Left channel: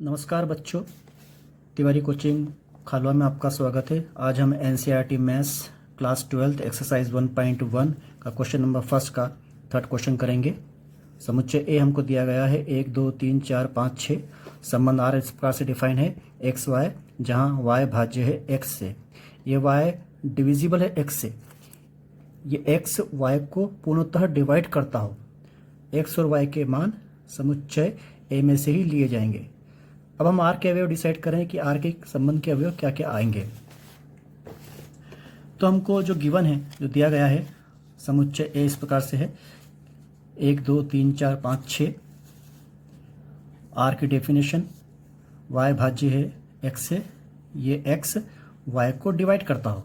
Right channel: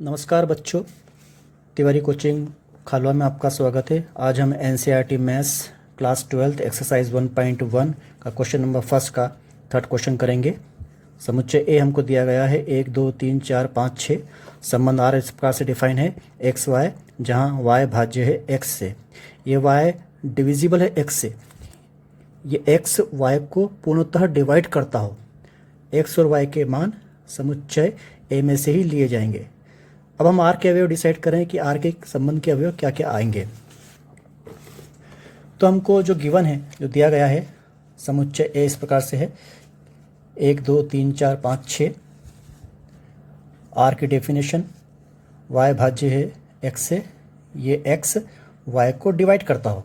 नमस्कार बच्चों, तिवारी कोचिंग खालवा में आपका स्वागत है। आज हम एनसीईआरटी मैथ्स क्लास 12 एक्सरसाइज 1.1 का क्वेश्चन नंबर फर्स्ट का थर्ड क्वेश्चन करेंगे। समुच्चय ए हमको दिया गया है 1 2 3 4 5 6। संबंध आर इस प्रकार से डिफाइन है एक्स वाई, जहाँ वाई भाज्य है एक्स से। ये वाई डिविजिबल है एक्स से। ये एक्स वाई को पूर्णतः डिवाइड करता हो। एक्स और वाई के मान समुच्चय ए में से ही लिए जाएंगे। अब हम आर के अवयव डिसाइड करें कि आर के संबंध के अवयव क्या क्या आएंगे। तो हमको जो गिवन है, जो दिया गया है, समुच्चय ए इस प्रकार से है 1 2 3 4 5 6। आर की डेफिनेशन वाई भाज्य है एक्स से। ये एक्स वाई को डिवाइड करता हो।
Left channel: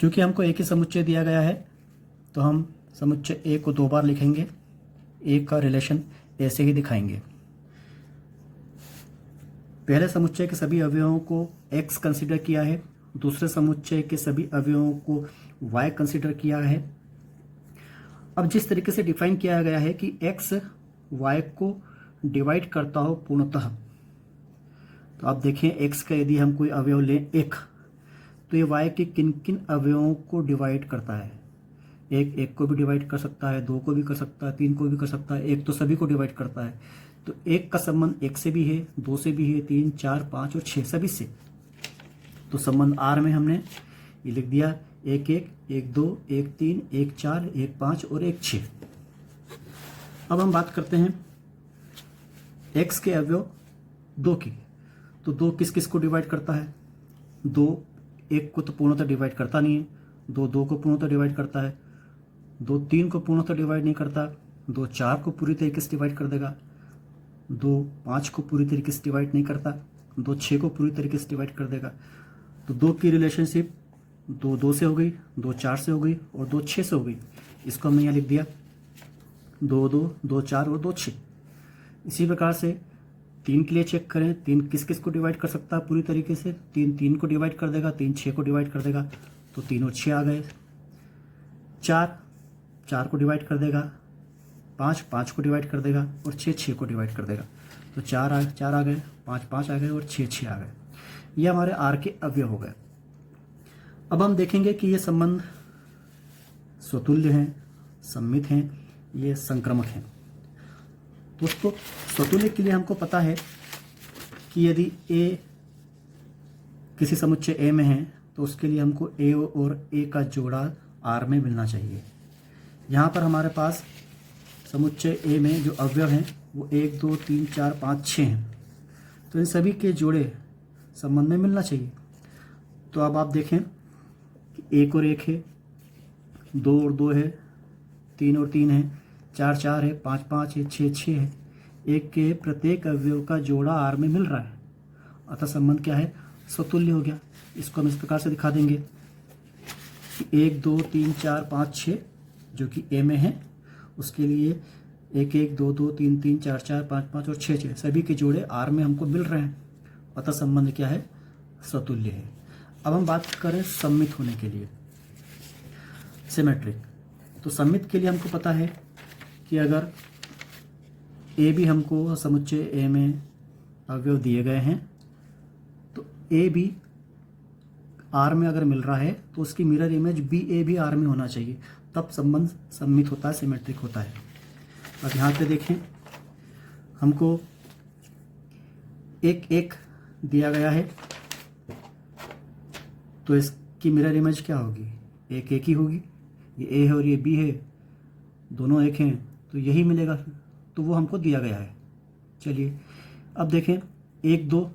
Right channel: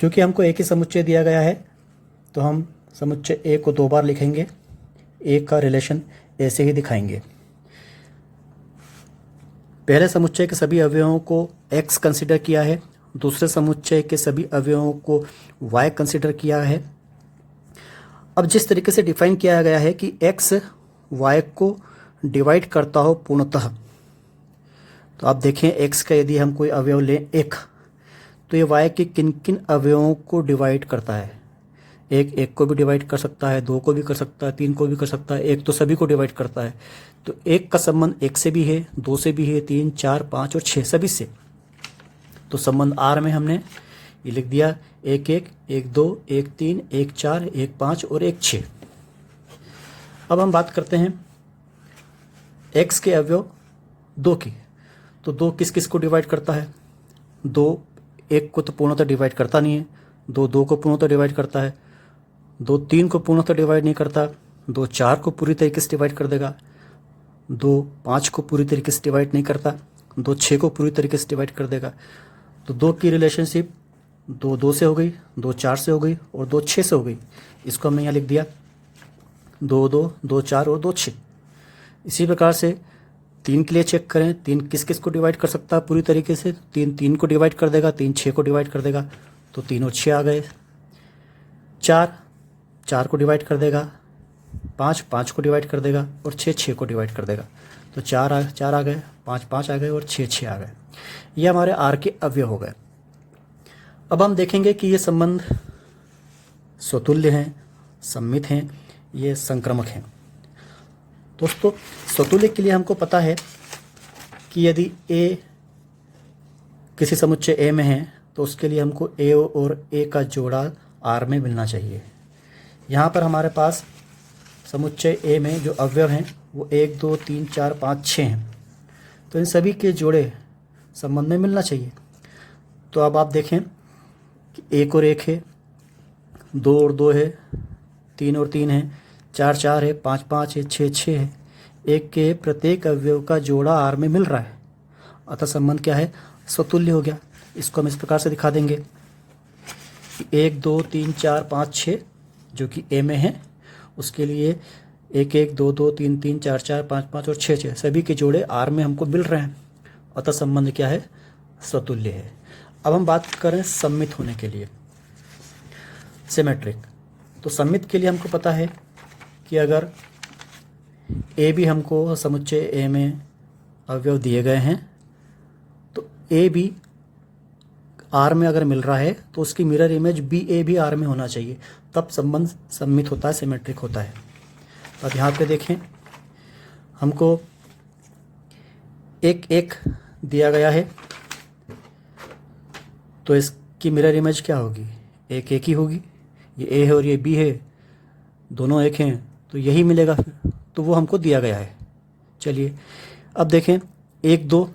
क्योंकि हमको एक ही समुच्चय दिया गया है तो हम समुच्चय ए को 2 बार लिखेंगे। ए का रिलेशन ए से ही दिखाएंगे। पहले समुच्चय के सभी अवयवों को x कंसिडर किया है, दूसरे समुच्चय के सभी अवयवों को y कंसिडर किया है। अब जिस तरीके से डिफाइन किया गया है कि x y को डिवाइड करता हो पूर्णतः, तो आप देखें x का यदि हम कोई अवयव लें 1, तो ये y के किन किन अवयवों को डिवाइड करता है। एक को भी डिवाइड कर सकता है, 2 को भी कर सकता है, 3 को भी कर सकता है, एक तो सभी को डिवाइड करता है। तो एक का संबंध 1 से भी है, 2 से भी है, 3 4 5 और 6 सभी से। तो संबंध आर में हमने ये लिख दिया 1 1 1 2 1 3 1 4 1 5 और 1 6। अब हम बात करते हैं x के अवयव 2 की। तो 2 किस किस को डिवाइड करता है? 2 1 को तो पूर्णतः डिवाइड करता नहीं है, 2 को पूर्णतः डिवाइड करता है, 2 3 को पूर्णतः डिवाइड नहीं करता, 2 4 को पूरी तरीके से डिवाइड कर देगा, 2 5 को पूरी तरीके से डिवाइड नहीं करता, 2 6 को पूरी तरीके से डिवाइड कर देगा। तो 2 की रिलेशनशिप 2 2 से हो गई, 2 4 से हो गई और 2 6 से हो गई। इसको हमने यहाँ लिख दिया 2 2 2 4 और 2 6। इसी प्रकार से 3 के लिए चेक करें, 3 किस किस को डिवाइड कर सकता है पूरी तरीके से? 3 3 को डिवाइड कर देगा, 3 6 को डिवाइड कर देगा, तो 3 और 6 आ गए। 4 4 को डिवाइड कर देगा, 5 5 को डिवाइड कर देगा और 6 6 को डिवाइड कर देगा। तो 4 आ गए, 5 5 आ गए और 6 6 आ गए। ये हमारे आर के अवयव हो गए। अब हम देखेंगे कि ये संबंध स्वतुल्य हैं, सममित हैं, ये संक्रामक हैं। दोस्तों, स्वतुल्य के लिए हमको पता है कि यदि ए किसी समुच्चय ए में है तो उसके लिए हमको ए और ए का जोड़ा आर में मिलना चाहिए। यहाँ पर हमारे पास समुच्चय ए में जो अवयव हैं वो 1 2 3 4 5 6 हैं। तो इन सभी के जोड़े संबंध में मिलना चाहिए। तो अब आप देखें कि 1 और 1 है, 2 और 2 है, 3 और 3 है, 4 4 है, 5 5 है, 6 6 है। एक के प्रत्येक अवयव का जोड़ा आर में मिल रहा है, अतः संबंध क्या है? स्वतुल्य हो गया। इसको हम इस प्रकार से दिखा देंगे कि 1 2 3 4 5 6 जो कि ए में है, उसके लिए 1 1 2 2 3 3 4 4 5 5 और 6 6 सभी के जोड़े आर में हमको मिल रहे हैं, अतः संबंध क्या है? स्वतुल्य है। अब हम बात करें सममित होने के लिए, सिमेट्रिक। तो सममित के लिए हमको पता है कि अगर ए भी हमको समुच्चय ए में अवयव दिए गए हैं तो ए भी आर में अगर मिल रहा है तो उसकी मिरर इमेज बी ए भी आर में होना चाहिए, तब संबंध सममित होता है, सिमेट्रिक होता है। अब यहाँ पे देखें, हमको 1 1 दिया गया है तो इसकी मिरर इमेज क्या होगी? 1 1 ही होगी। ये ए है और ये बी है, दोनों 1 हैं तो यही मिलेगा फिर, तो वो हमको दिया गया है। चलिए अब देखें 1 2,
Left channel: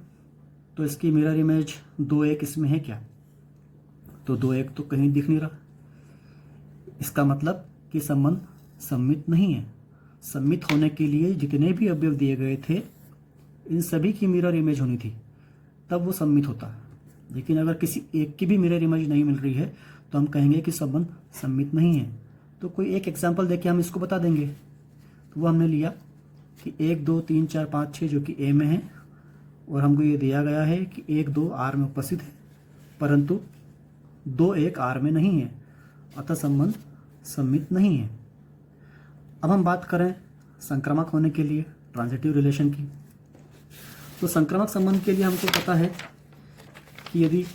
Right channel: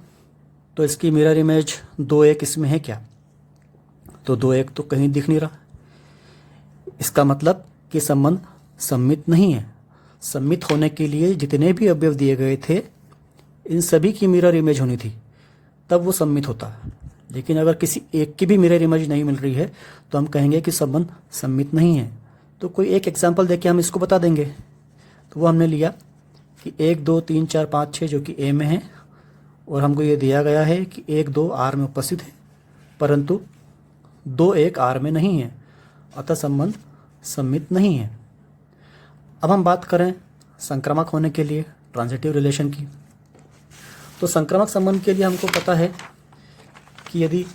तो इसकी मिरर इमेज 2 1 इसमें है क्या? तो 2 1 तो कहीं दिख नहीं रहा। इसका मतलब कि संबंध सममित नहीं है। सममित होने के लिए जितने भी अवयव दिए गए थे इन सभी की मिरर इमेज होनी थी, तब वो सममित होता है। लेकिन अगर किसी एक की भी मिरर इमेज नहीं मिल रही है तो हम कहेंगे कि संबंध सममित नहीं है। तो कोई एक एग्जाम्पल देके हम इसको बता देंगे। तो वो हमने लिया कि 1 2 3 4 5 6 जो कि ए में है, और हमको ये दिया गया है कि 1 2 आर में उपस्थित है, परंतु 2 1 आर में नहीं है, अतः संबंध सममित नहीं है। अब हम बात करें संक्रामक होने के लिए, ट्रांजिटिव रिलेशन की। तो संक्रामक संबंध के लिए हमको पता है कि यदि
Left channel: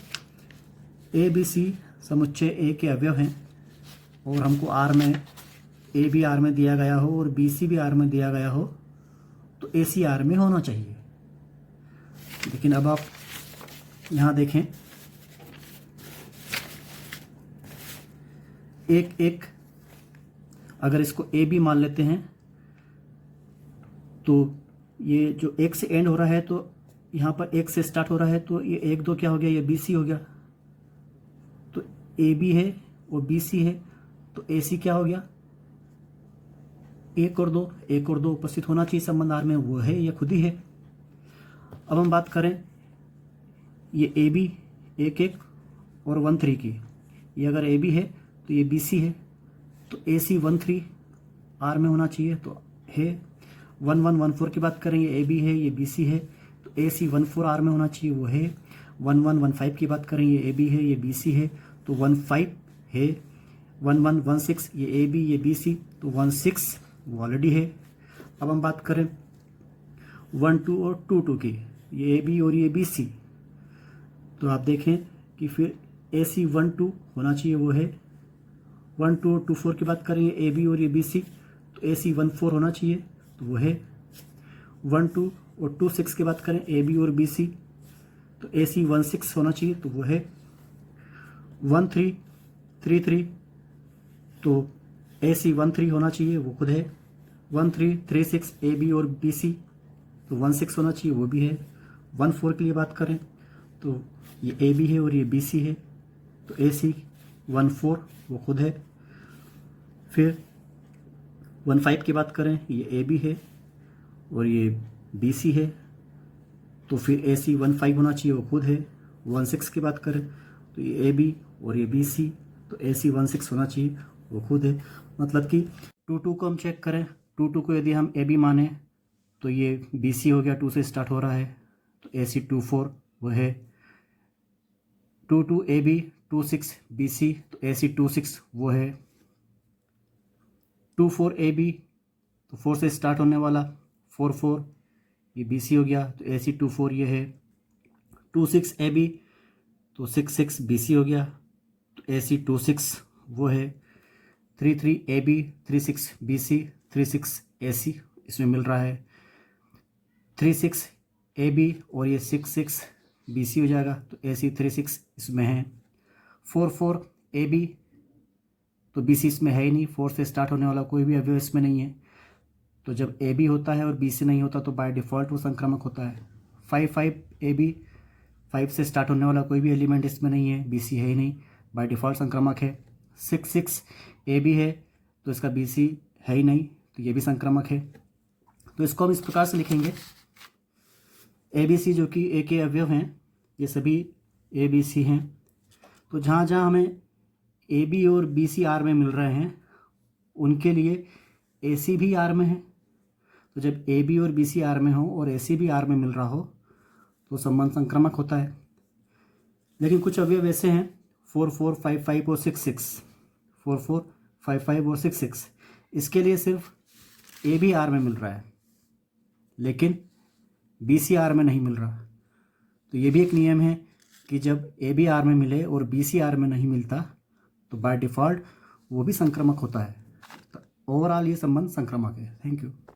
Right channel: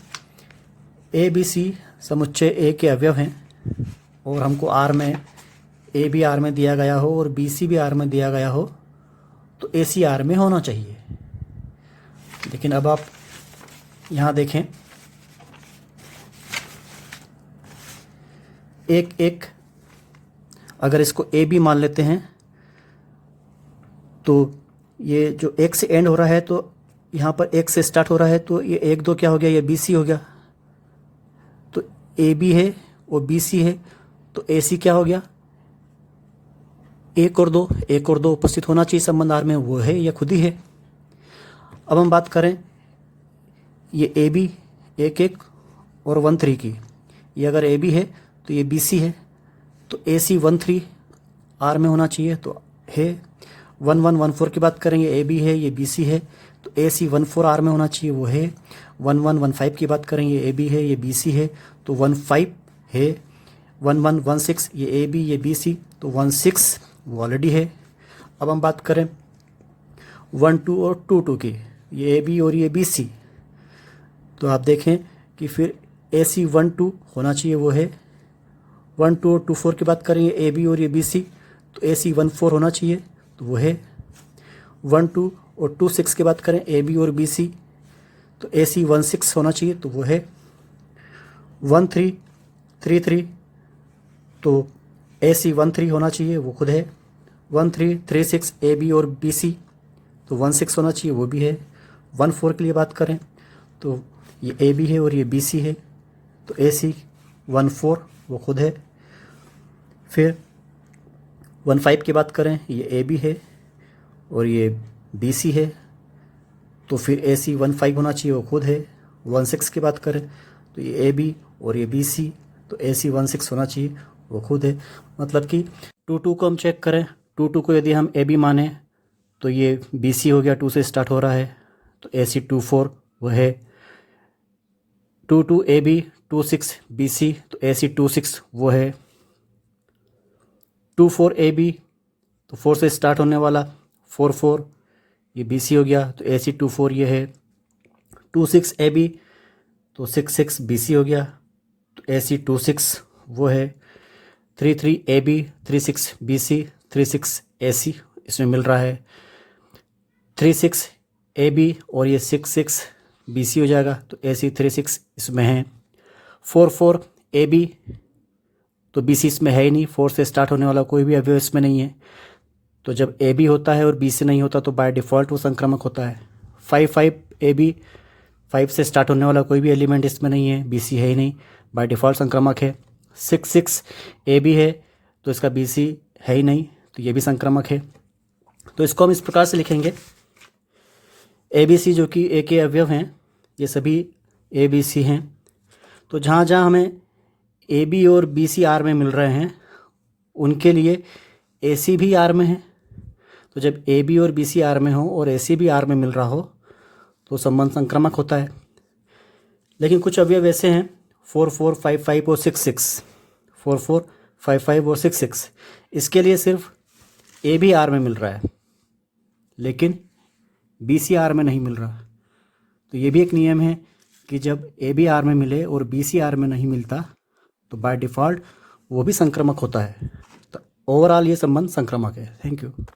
ए बी सी समुच्चय ए के अवयव हैं और हमको आर में ए भी आर में दिया गया हो और बी सी भी आर में दिया गया हो तो ए सी आर में होना चाहिए। लेकिन अब आप यहाँ देखें, एक अगर इसको ए बी मान लेते हैं तो ये जो एक से एंड हो रहा है तो यहाँ पर एक से स्टार्ट हो रहा है तो ये 1 2 क्या हो गया, ये बी सी हो गया। तो ए बी है और बी सी है तो ए सी क्या हो गया, 1 और 2 उपस्थित होना चाहिए संबंध आर में, वो है या खुद ही है। अब हम बात करें ये ए बी 1 और 1 3 की, ये अगर ए बी है तो ये बी सी है तो ए सी 1 3 आर में होना चाहिए तो है। 1 1 1 4 की बात करें, ये ए बी है ये बी सी है तो ए सी 1 4 आर में होना चाहिए, वो है। 1 1 1 5 की बात करें, ये ए बी है ये बी सी है तो 1 5 है। 1 1 1 6 ये ए बी ये बी सी तो 1 6 वो ऑलरेडी है। अब हम बात करें 1 2 और 2 2 की, ये ए बी और ये बी सी, तो आप देखें कि फिर ए सी 1 2 होना चाहिए, वो है। 1 2 और 2 4 की बात करें, ये ए बी और ये बी सी तो ए सी 1 4 होना चाहिए तो वो है। 1 2 और 2 6 की बात करें, ए बी और बी सी तो ए सी 1 6 होना चाहिए तो वो है। 1 3 3 3 तो ए सी 1 3 होना चाहिए, वो खुद है। 1 3 3 6 ए बी और बी सी तो 1 6 होना चाहिए, वो भी है। 1 4 के लिए बात करें तो ये ए बी है और ये बी सी है तो ए सी 1 4 वो खुद है। फिर 1 5 की बात करें, ये ए बी है और ये बी सी है तो फिर ए सी 1 5 होना चाहिए, वो खुद है। 1 6 की बात करें तो ये ए बी और ये बी सी तो ए सी 1 6 होना चाहिए, वो खुद है। मतलब कि 2 2 को हम चेक करें, 2 2 को यदि हम ए बी माने तो ये बी सी हो गया, 2 से स्टार्ट हो रहा है तो ए सी 2 4 वो है। 2 2 ए बी 2 6 बी सी तो ए सी 2 6 वो है। 2 4 ए बी तो 4 से स्टार्ट होने वाला 4 4 ये बी सी हो गया तो ए सी 2 4 ये है। 2 6 ए बी तो 6 6 बी सी हो गया तो ए सी 2 6 वो है। 3 3 ए बी 3 6 बी सी 3 6 ए सी इसमें मिल रहा है। 3 6 ए बी और ये 6 6 बी सी हो जाएगा तो ए सी 3 6 इसमें है। 4 4 ए बी तो बी सी इसमें है ही नहीं, 4 से स्टार्ट होने वाला कोई भी अवयव इसमें नहीं है तो जब ए बी होता है और बी सी नहीं होता तो बाय डिफ़ॉल्ट वो संक्रामक होता है। 5 5 ए बी 5 से स्टार्ट होने वाला कोई भी एलिमेंट इसमें नहीं है, बी सी है ही नहीं, बाय डिफ़ॉल्ट संक्रामक है। 6 6 ए बी है तो इसका बी सी है ही नहीं तो ये भी संक्रामक है। तो इसको हम इस प्रकार से लिखेंगे, ए बी सी जो कि ए के अवयव हैं ये सभी ए बी सी हैं। तो जहाँ जहाँ हमें ए बी और बी सी आर में मिल रहे हैं उनके लिए ए सी भी आर में है। तो जब ए बी और बी सी आर में हो और ए सी भी आर में मिल रहा हो तो संबंध संक्रामक होता है। लेकिन कुछ अवयव ऐसे हैं 4 4 5 5 और 6 6 4 4 5 5 और 6 6 इसके लिए सिर्फ ए भी आर में मिल रहा है लेकिन बी सी आर में नहीं मिल रहा। तो ये भी एक नियम है कि जब ए बी आर में मिले और बी सी आर में नहीं मिलता तो बाय डिफ़ॉल्ट वो भी संक्रामक होता है। तो ओवरऑल ये संबंध संक्रामक है। Thank you.